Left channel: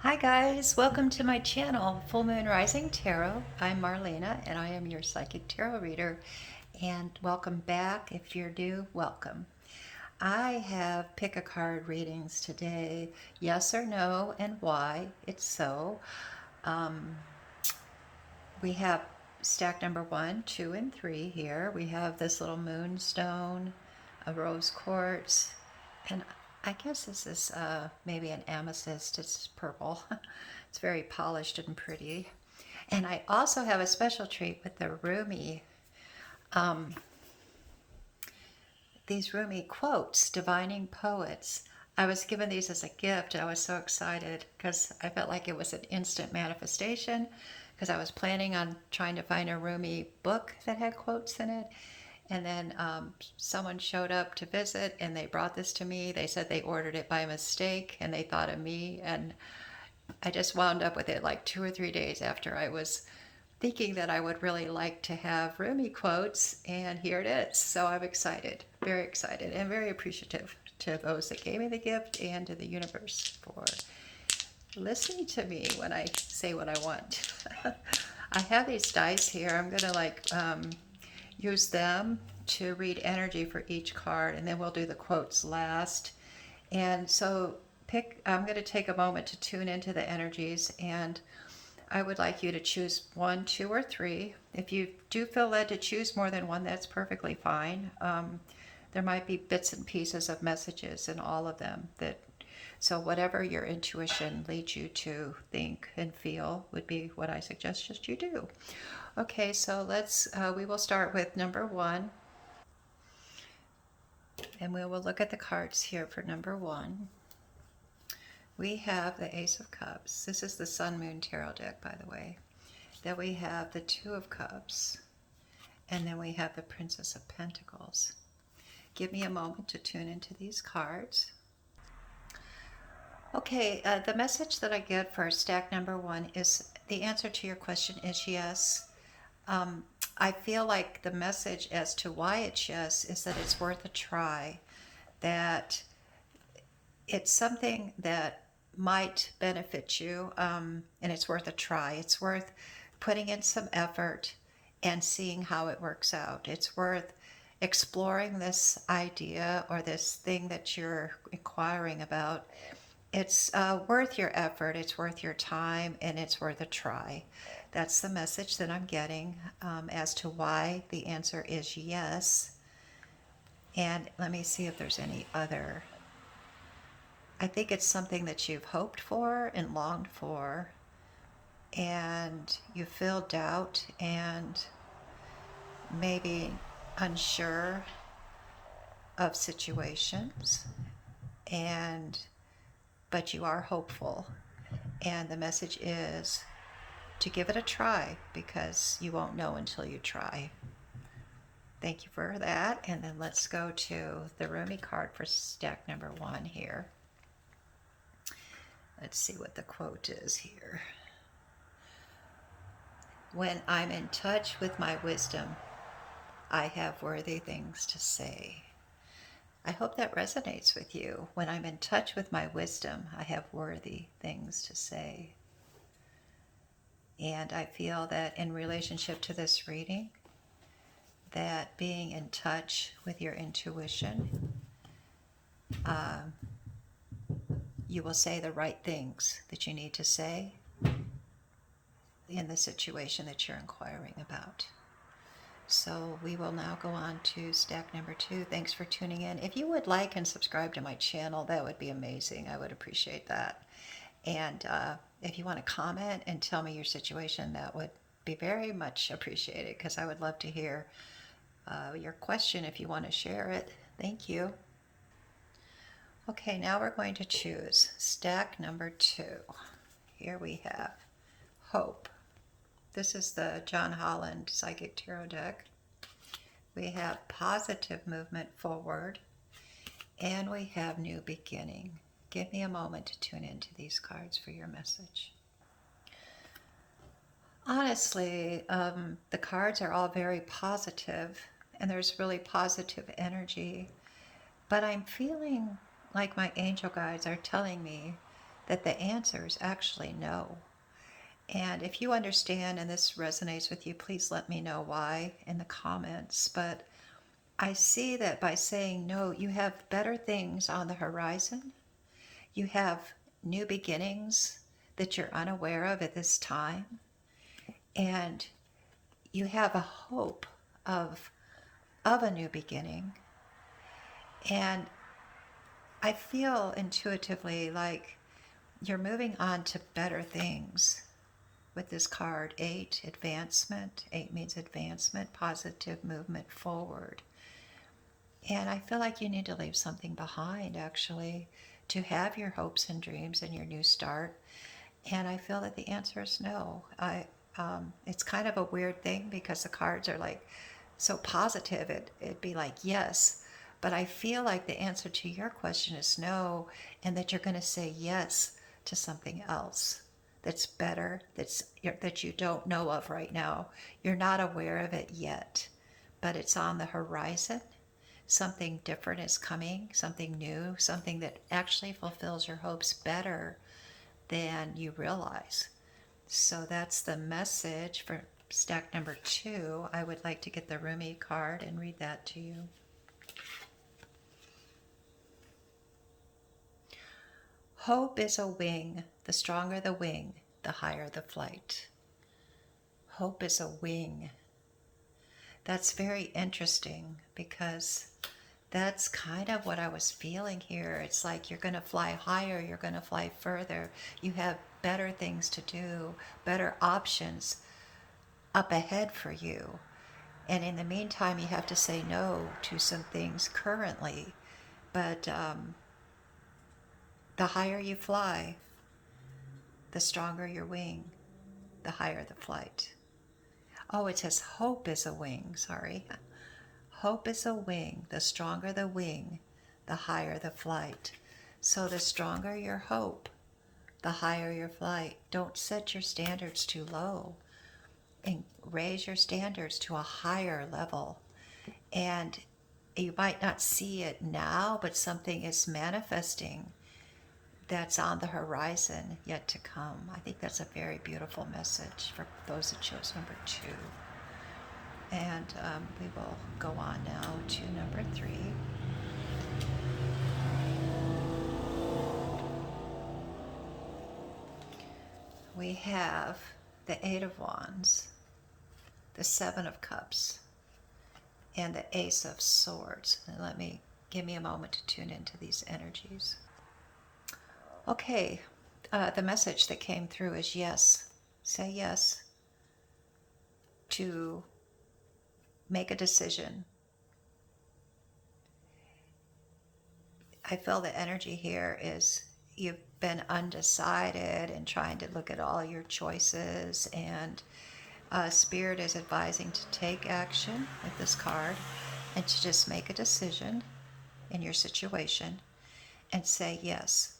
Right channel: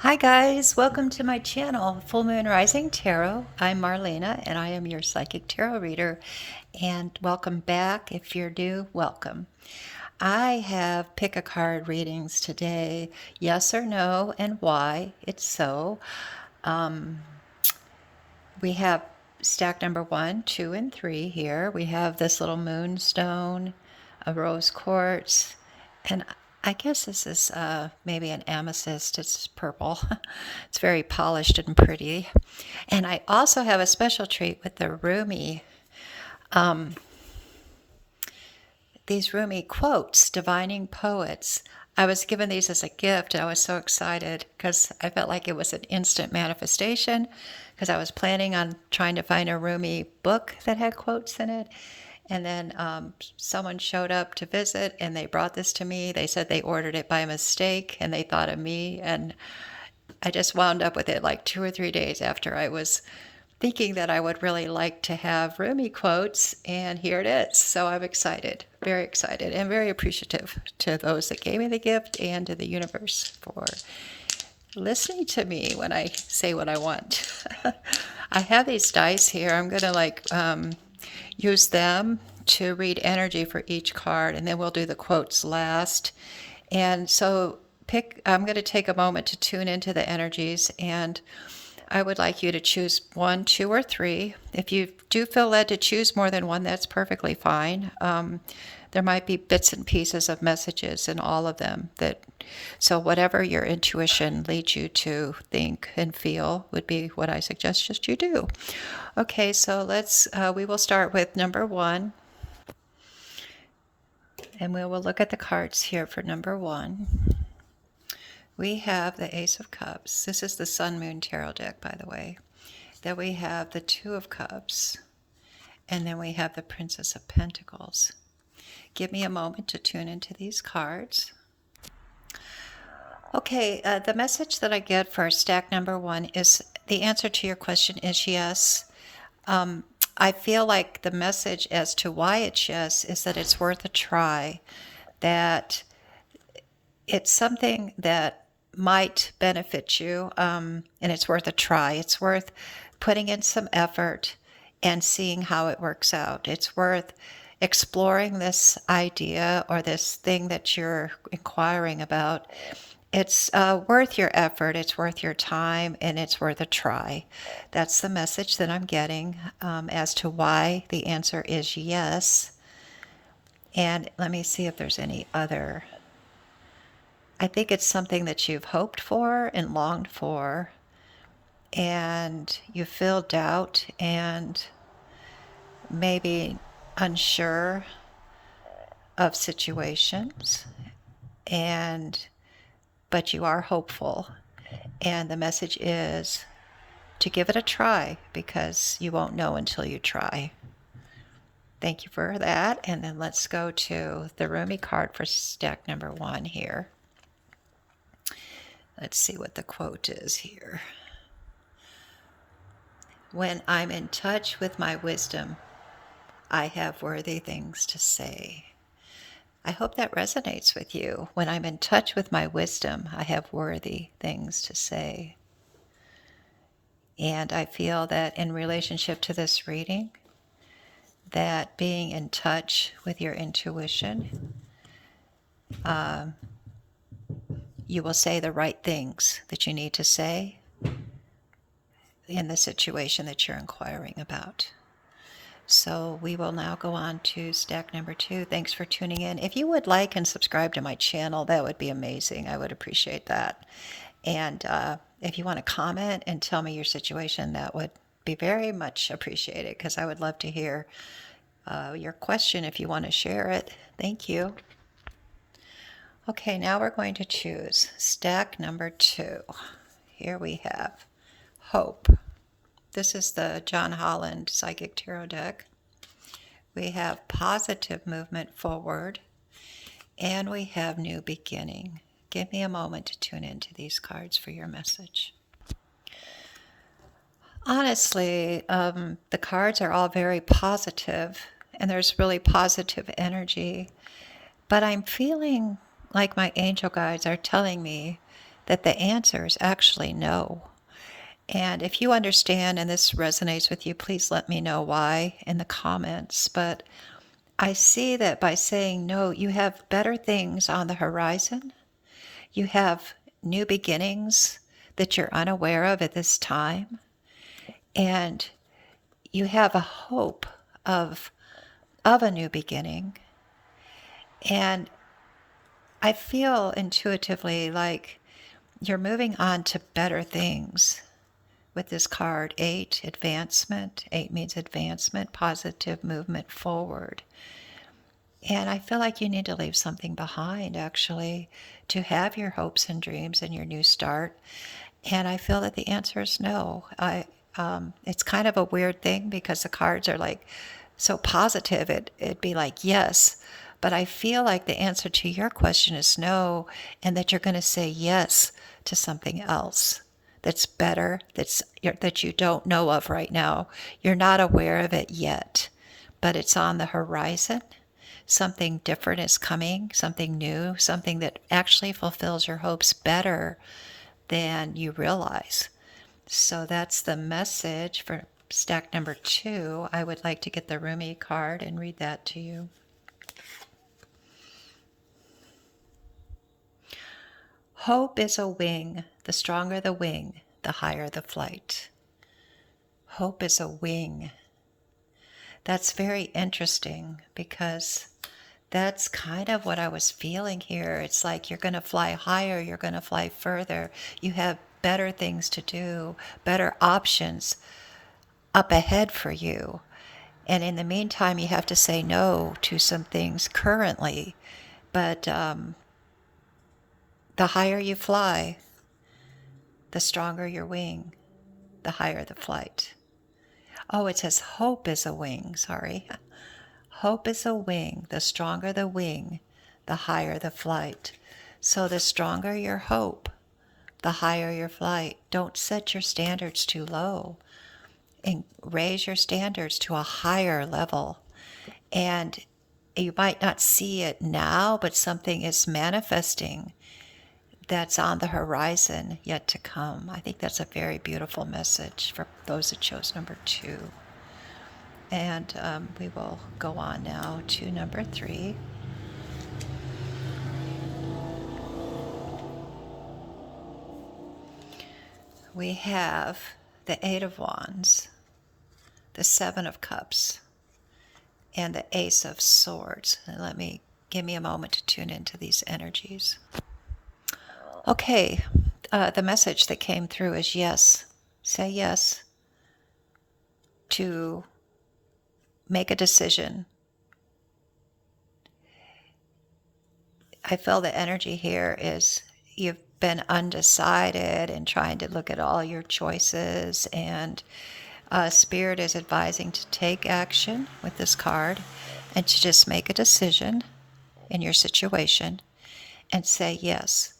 Hi guys, welcome to my channel, Full Moon Rising Tarot. I'm Marlena and I am your psychic tarot reader. And welcome back. If you're new, welcome. I have pick a card readings today, yes or no, and why it's so. We have stack number 1, 2, and 3 here. We have this little moonstone, a rose quartz, and I guess this is maybe an amethyst. It's purple. It's very polished and pretty. And I also have a special treat with the Rumi. These Rumi quotes, Divining Poets. I was given these as a gift and I was so excited because I felt like it was an instant manifestation because I was planning on trying to find a Rumi book that had quotes in it. And then someone showed up to visit and they brought this to me. They said they ordered it by mistake and they thought of me. And I just wound up with it like 2 or 3 days after I was thinking that I would really like to have Rumi quotes, and here it is. So I'm excited, and very appreciative to those that gave me the gift and to the universe for listening to me when I say what I want. I have these dice here. I'm going to use them to read energy for each card, and then we'll do the quotes last. And so I'm going to take a moment to tune into the energies, and I would like you to choose 1, 2, or 3. If you do feel led to choose more than one, that's perfectly fine. There might be bits and pieces of messages in all of them so whatever your intuition leads you to think and feel would be what I suggest just you do. Okay, so we will start with number 1, and we will look at the cards here for number 1. We have the Ace of Cups. This is the Sun Moon Tarot deck, by the way. Then we have the Two of Cups. And then we have the Princess of Pentacles. Give me a moment to tune into these cards. Okay, the message that I get for stack number 1 is the answer to your question is yes. I feel like the message as to why it's yes is that it's worth a try, that it's something that might benefit you, and it's worth a try. It's worth putting in some effort and seeing how it works out. It's worth exploring this idea or this thing that you're inquiring about. It's worth your effort, it's worth your time, and it's worth a try. That's the message that I'm getting as to why the answer is yes. And let me see if there's any other. I think it's something that you've hoped for and longed for, and you feel doubt and maybe unsure of situations, but you are hopeful. And the message is to give it a try because you won't know until you try. Thank you for that. And then let's go to the Rumi card for stack number 1 here. Let's see what the quote is here. When I'm in touch with my wisdom, I have worthy things to say. I hope that resonates with you. When I'm in touch with my wisdom, I have worthy things to say. And I feel that in relationship to this reading, that being in touch with your intuition, you will say the right things that you need to say in the situation that you're inquiring about. So we will now go on to stack number 2. Thanks for tuning in. If you would like and subscribe to my channel, that would be amazing. I would appreciate that. And if you want to comment and tell me your situation, that would be very much appreciated because I would love to hear your question if you want to share it. Thank you. Okay, now we're going to choose stack number 2. Here we have Hope. This is the John Holland Psychic Tarot deck. We have Positive Movement Forward, and we have New Beginning. Give me a moment to tune into these cards for your message. Honestly, the cards are all very positive, and there's really positive energy. But I'm feeling like my angel guides are telling me that the answer is actually no. And if you understand and this resonates with you, please let me know why in the comments. But I see that by saying no, you have better things on the horizon. You have new beginnings that you're unaware of at this time. And you have a hope of a new beginning. And I feel intuitively like you're moving on to better things with this card. 8, advancement. 8 means advancement, positive movement forward. And I feel like you need to leave something behind, actually, to have your hopes and dreams and your new start. And I feel that the answer is no. It's kind of a weird thing because the cards are like so positive. It'd be like yes, but I feel like the answer to your question is no, and that you're going to say yes to something else that's better, that you don't know of right now. You're not aware of it yet, but it's on the horizon. Something different is coming, something new, something that actually fulfills your hopes better than you realize. So that's the message for stack number 2. I would like to get the Rumi card and read that to you. Hope is a wing. The stronger the wing, the higher the flight. Hope is a wing. That's very interesting because that's kind of what I was feeling here. It's like you're going to fly higher, you're going to fly further. You have better things to do, better options up ahead for you. And in the meantime, you have to say no to some things currently. But the higher you fly, the stronger your wing, the higher the flight. Oh, it says hope is a wing, sorry. Hope is a wing. The stronger the wing, the higher the flight. So the stronger your hope, the higher your flight. Don't set your standards too low. And raise your standards to a higher level. And you might not see it now, but something is manifesting that's on the horizon yet to come. I think that's a very beautiful message for those that chose number 2. And we will go on now to number 3. We have the 8 of Wands, the 7 of Cups, and the Ace of Swords. And give me a moment to tune into these energies. Okay, the message that came through is yes. Say yes to make a decision. I feel the energy here is you've been undecided and trying to look at all your choices, and Spirit is advising to take action with this card and to just make a decision in your situation and say yes.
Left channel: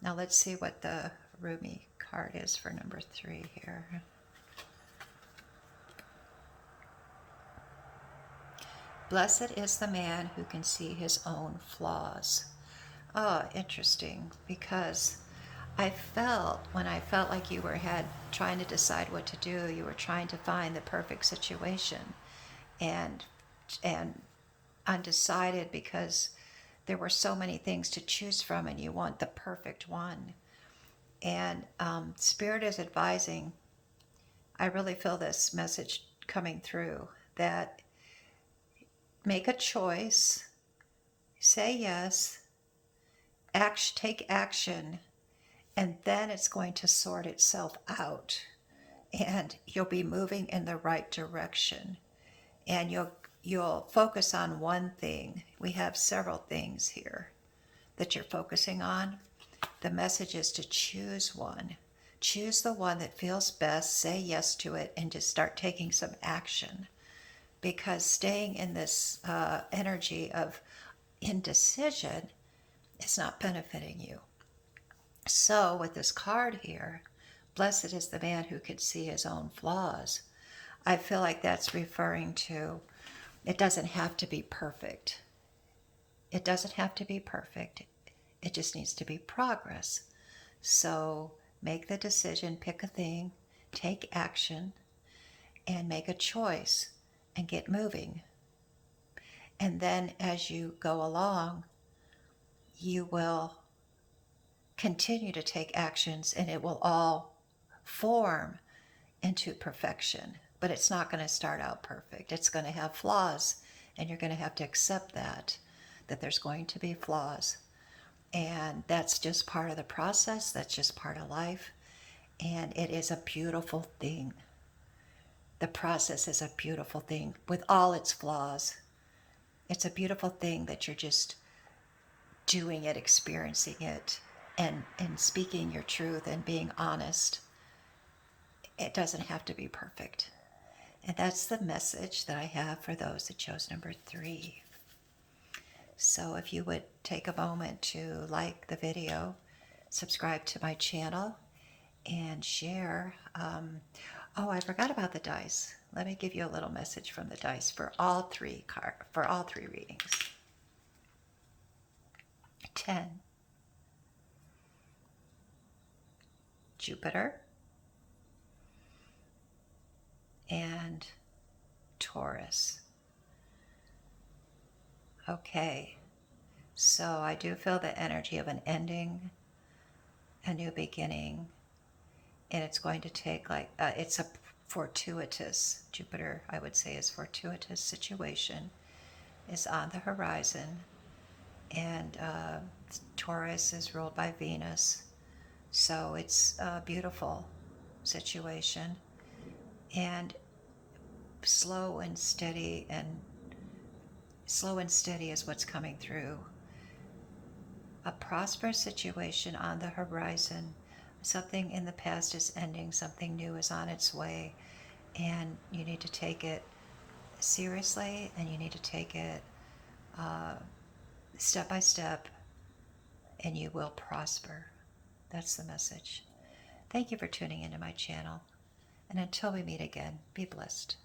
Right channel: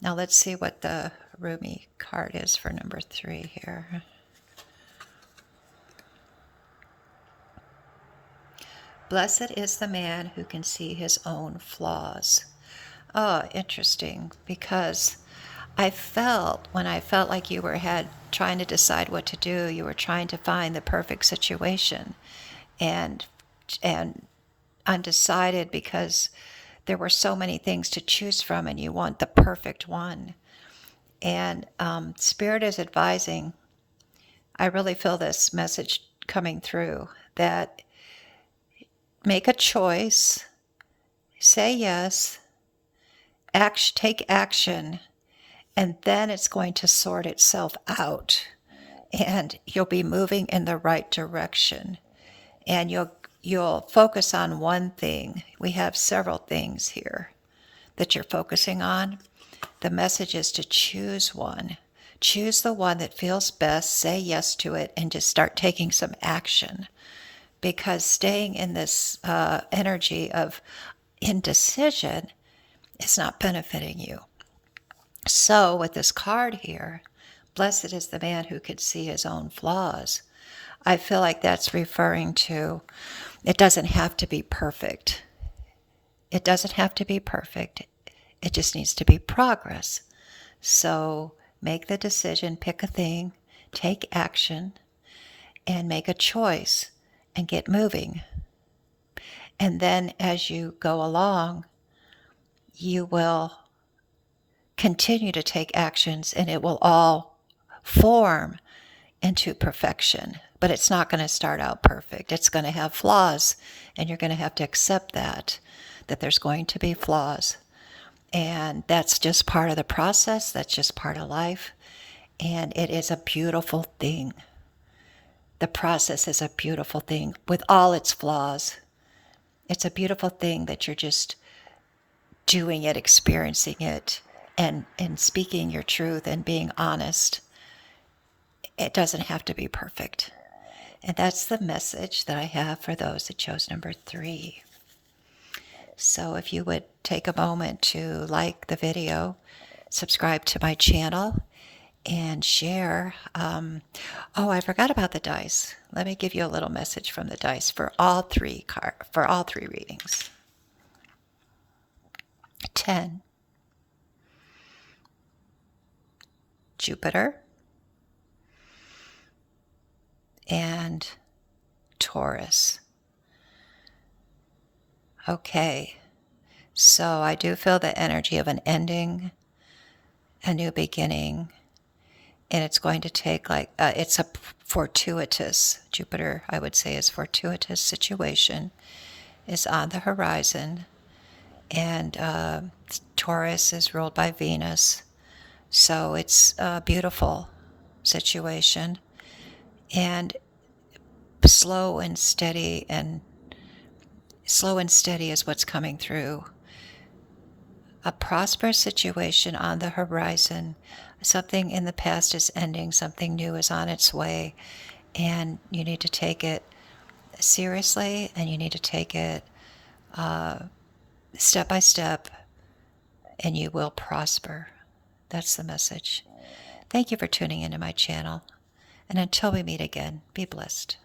Now let's see what the Rumi card is for number 3 here. Blessed is the man who can see his own flaws. Oh, interesting, because I felt like you were trying to decide what to do, you were trying to find the perfect situation and undecided because there were so many things to choose from and you want the perfect one. And Spirit is advising, I really feel this message coming through, that make a choice, say yes, take action, and then it's going to sort itself out. And you'll be moving in the right direction. And you'll focus on one thing. We have several things here that you're focusing on. The message is to choose one. Choose the one that feels best, say yes to it, and just start taking some action. Because staying in this energy of indecision is not benefiting you. So with this card here, blessed is the man who can see his own flaws. I feel like that's referring to, it doesn't have to be perfect. It doesn't have to be perfect. It just needs to be progress. So make the decision, pick a thing, take action, and make a choice and get moving. And then as you go along, you will continue to take actions and it will all form into perfection. But it's not going to start out perfect. It's going to have flaws, and you're going to have to accept that there's going to be flaws. And that's just part of the process. That's just part of life. And it is a beautiful thing. The process is a beautiful thing with all its flaws. It's a beautiful thing that you're just doing it, experiencing it, and speaking your truth and being honest. It doesn't have to be perfect. And that's the message that I have for those that chose number 3. So if you would take a moment to like the video, subscribe to my channel, and share. Oh, I forgot about the dice. Let me give you a little message from the dice for all three readings. 10, Jupiter, and Taurus. Okay, so I do feel the energy of an ending, a new beginning, and it's going to take it's a fortuitous, Jupiter I would say is fortuitous situation, is on the horizon, and Taurus is ruled by Venus, so it's a beautiful situation, and slow and steady is what's coming through. A prosperous situation on the horizon. Something in the past is ending, something new is on its way, and you need to take it seriously, and you need to take it step by step, and you will prosper. That's the message. Thank you for tuning into my channel, and until we meet again, be blessed.